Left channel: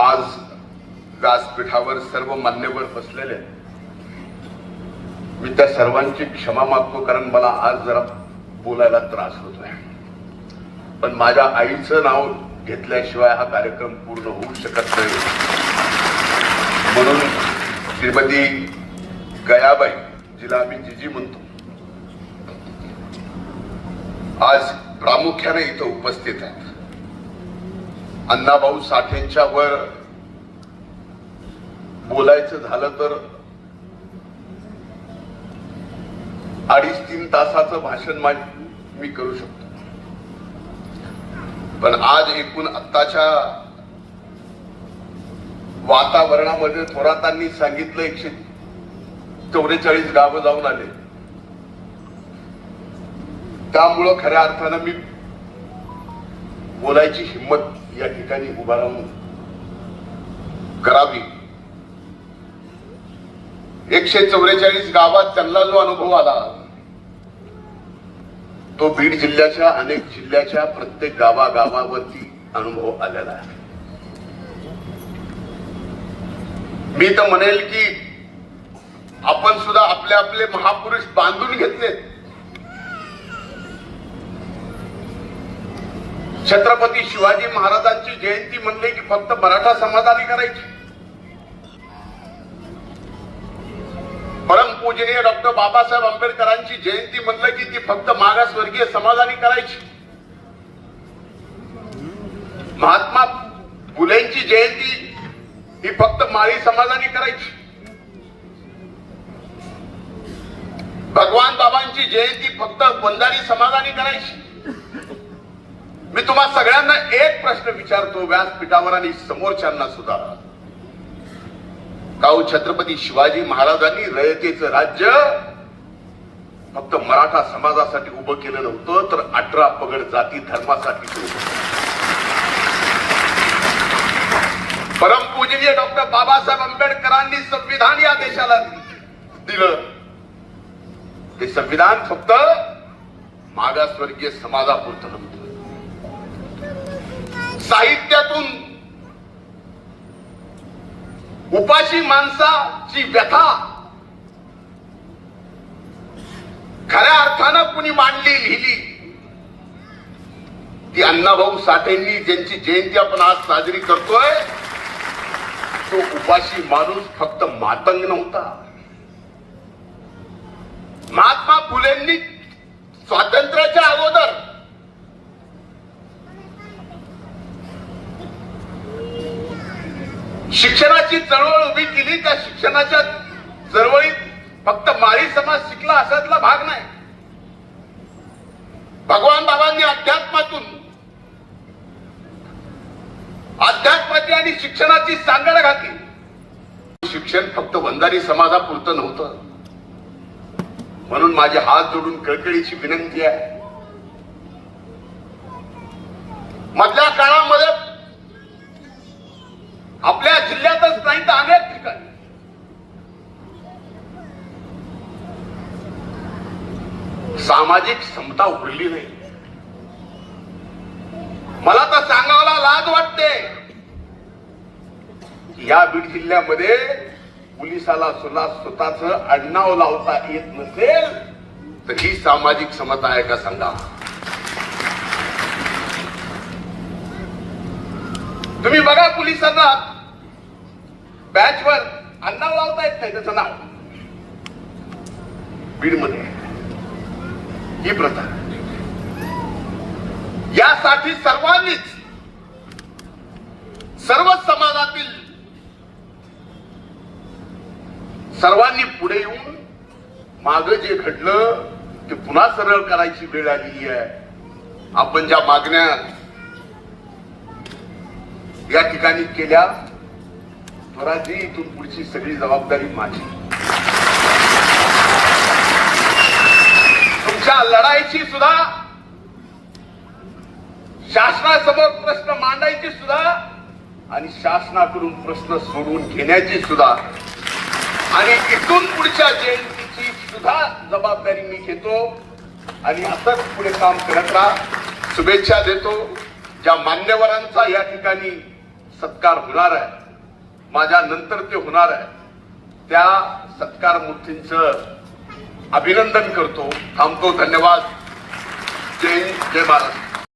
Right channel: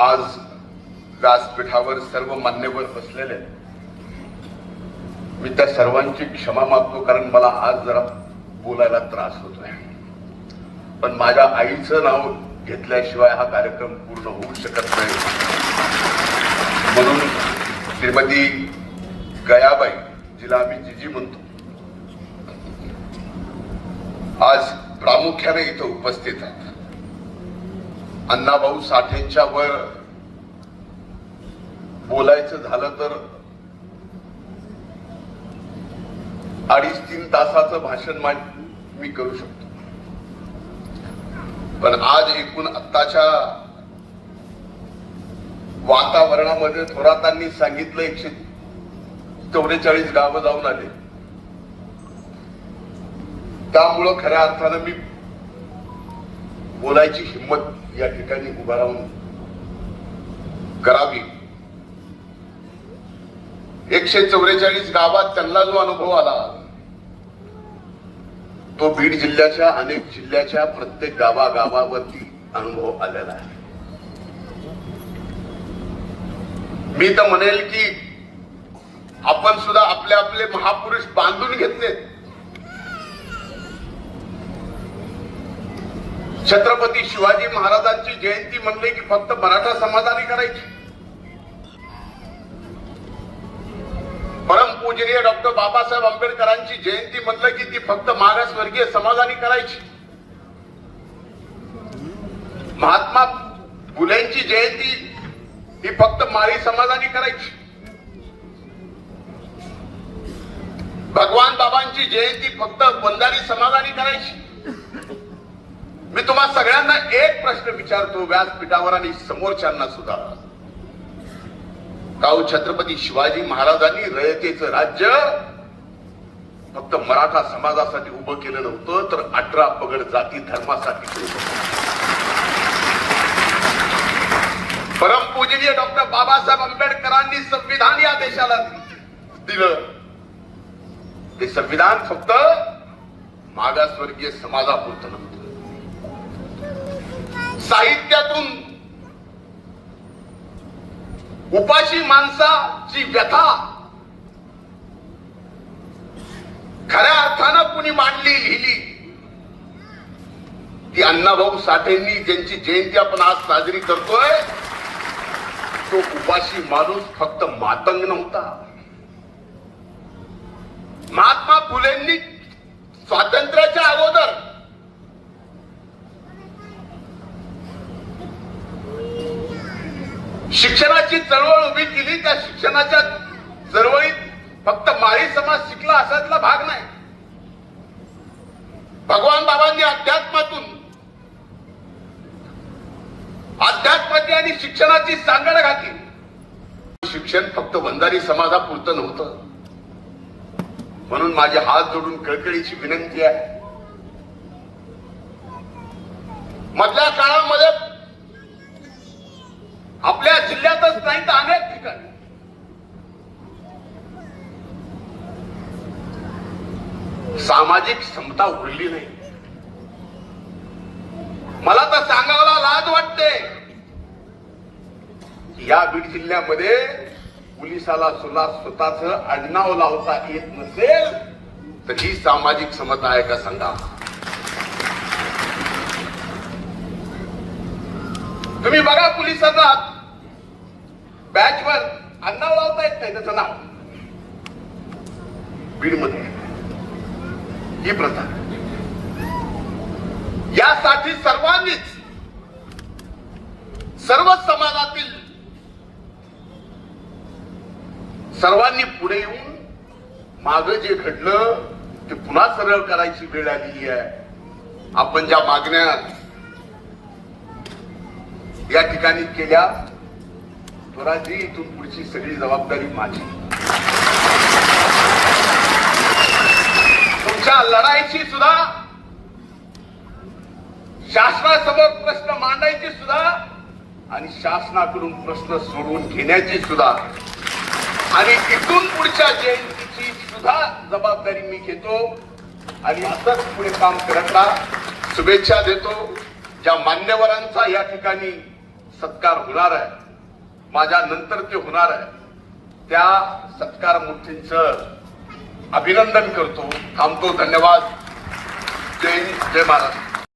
आज व्यासपीठावर सर्व मान्यवर बसलेले मी त्या सर्वांची क्षमा मागतो कारण मला आज जरा बोलायला त्रास होत आहे पण माझ्या आईचं नाव घेतल्याशिवाय हा कार्यक्रम पूर्ण होऊ शकत नाही म्हणून श्रीमती गयाबाई जिला आम्ही जिजी म्हणतो आज प्रामुख्याने इथं उपस्थित आहे अण्णाभाऊ साठेंच्या वर बोलायचं झालं तर अडीच तीन तासाचं भाषण मी करू शकतो पण आज एकूण आत्ताच्या वातावरणामध्ये थोरातांनी सांगितलं एकशे चौवेचाळीस गावं जाऊन आले त्यामुळं खऱ्या अर्थानं मी बोलायची हिंमत या ठिकाणी उभा राहून करावी एकशे चौवेचाळीस गावात त्यांना जो अनुभव आला तो बीड जिल्ह्याच्या अनेक जिल्ह्याच्या प्रत्येक गावागावावरती अनुभव आलेला आहे मी तर म्हणेल की आपण सुद्धा आपले आपले महापुरुष बांधून घेतले छत्रपती शिवाजी महाराजांची जयंती म्हणले की फक्त मराठा समाजाने करायची परमपूजनीय डॉक्टर बाबासाहेब आंबेडकरांची जयंती म्हणलं की ती फक्त मागासवर्गीय समाजाने करायची महात्मा फुलेंची जयंती ही फक्त माळी समाजाने करायची भगवान बाबांची जयंती फक्त बंधारी समाजाने करायची मी तुम्हा सगळ्यांना एक प्रश्न विचारतो व्यासपीठावर आणि समोरच्यांना सुद्धा काऊ छत्रपती शिवाजी महाराजांनी रयतेचं राज्य फक्त मराठा समाजासाठी उभं केलं नव्हतं तर अठरा पगड जाती धर्मासाठी परम पूजनीय डॉक्टर बाबासाहेब आंबेडकरांनी संविधान या देशाला दिलं ते संविधान फक्त मागासवर्गीय समाजापुरतं नव्हतं साहित्यातून उपाशी माणसाची व्यथा खऱ्या अर्थानं कुणी मांडली लिहिली ती अण्णाभाऊ साठेंनी ज्यांची जयंती आपण आज साजरी करतोय तो उपाशी माणूस फक्त मातंग नव्हता महात्मा फुलेंनी स्वातंत्र्याच्या अगोदर शिक्षणाची चळवळ उभी केली त्या शिक्षणाच्या चळवळीत फक्त माळी समाज शिकला असा भाग नाही भगवान बाबांनी अध्यात्मातून अध्यात्माची आणि शिक्षणाची सांगड घातली शिक्षण फक्त वंदारी समाजापुरतं नव्हतं म्हणून माझे हात जोडून कळकळीची विनंती आहे मधल्या काळामध्ये आपल्या जिल्ह्यातच नाही तर अनेक ठिकाणी सामाजिक क्षमता उघडली नाही मला तर सांगावला लाज वाटते या बीड जिल्ह्यामध्ये पोलिसाला सुद्धा स्वतःच अडनाव लावता येत नसेल तर ही सामाजिक समता आहे का सांगा तुम्ही बघा पोलिसांना बॅच वर लावता येत नाही त्याचं नाव बीडमध्ये ही प्रथा यासाठी सर्वांनीच सर्व समाजातील सर्वांनी पुढे येऊन माग जे घडलं ते पुन्हा सरळ करायची वेळ आलेली आहे आपण ज्या मागण्या या ठिकाणी केल्या मराठी इथून पुढची सगळी जबाबदारी माझी तुमच्या लढायची सुद्धा शासनासमोर प्रश्न मांडायची सुद्धा आणि शासनाकडून प्रश्न सोडवून घेण्याची सुद्धा आणि इथून पुढच्या जयंतीची सुद्धा जबाबदारी मी घेतो आणि असंच पुढे काम करत शुभेच्छा देतो ज्या मान्यवरांचा या ठिकाणी सत्कार होणार आहे माझ्या नंतर ते होणार आहे त्या सत्कार मूर्तींचं अभिनंदन करतो थांबतो धन्यवाद जय जय महाराष्ट्र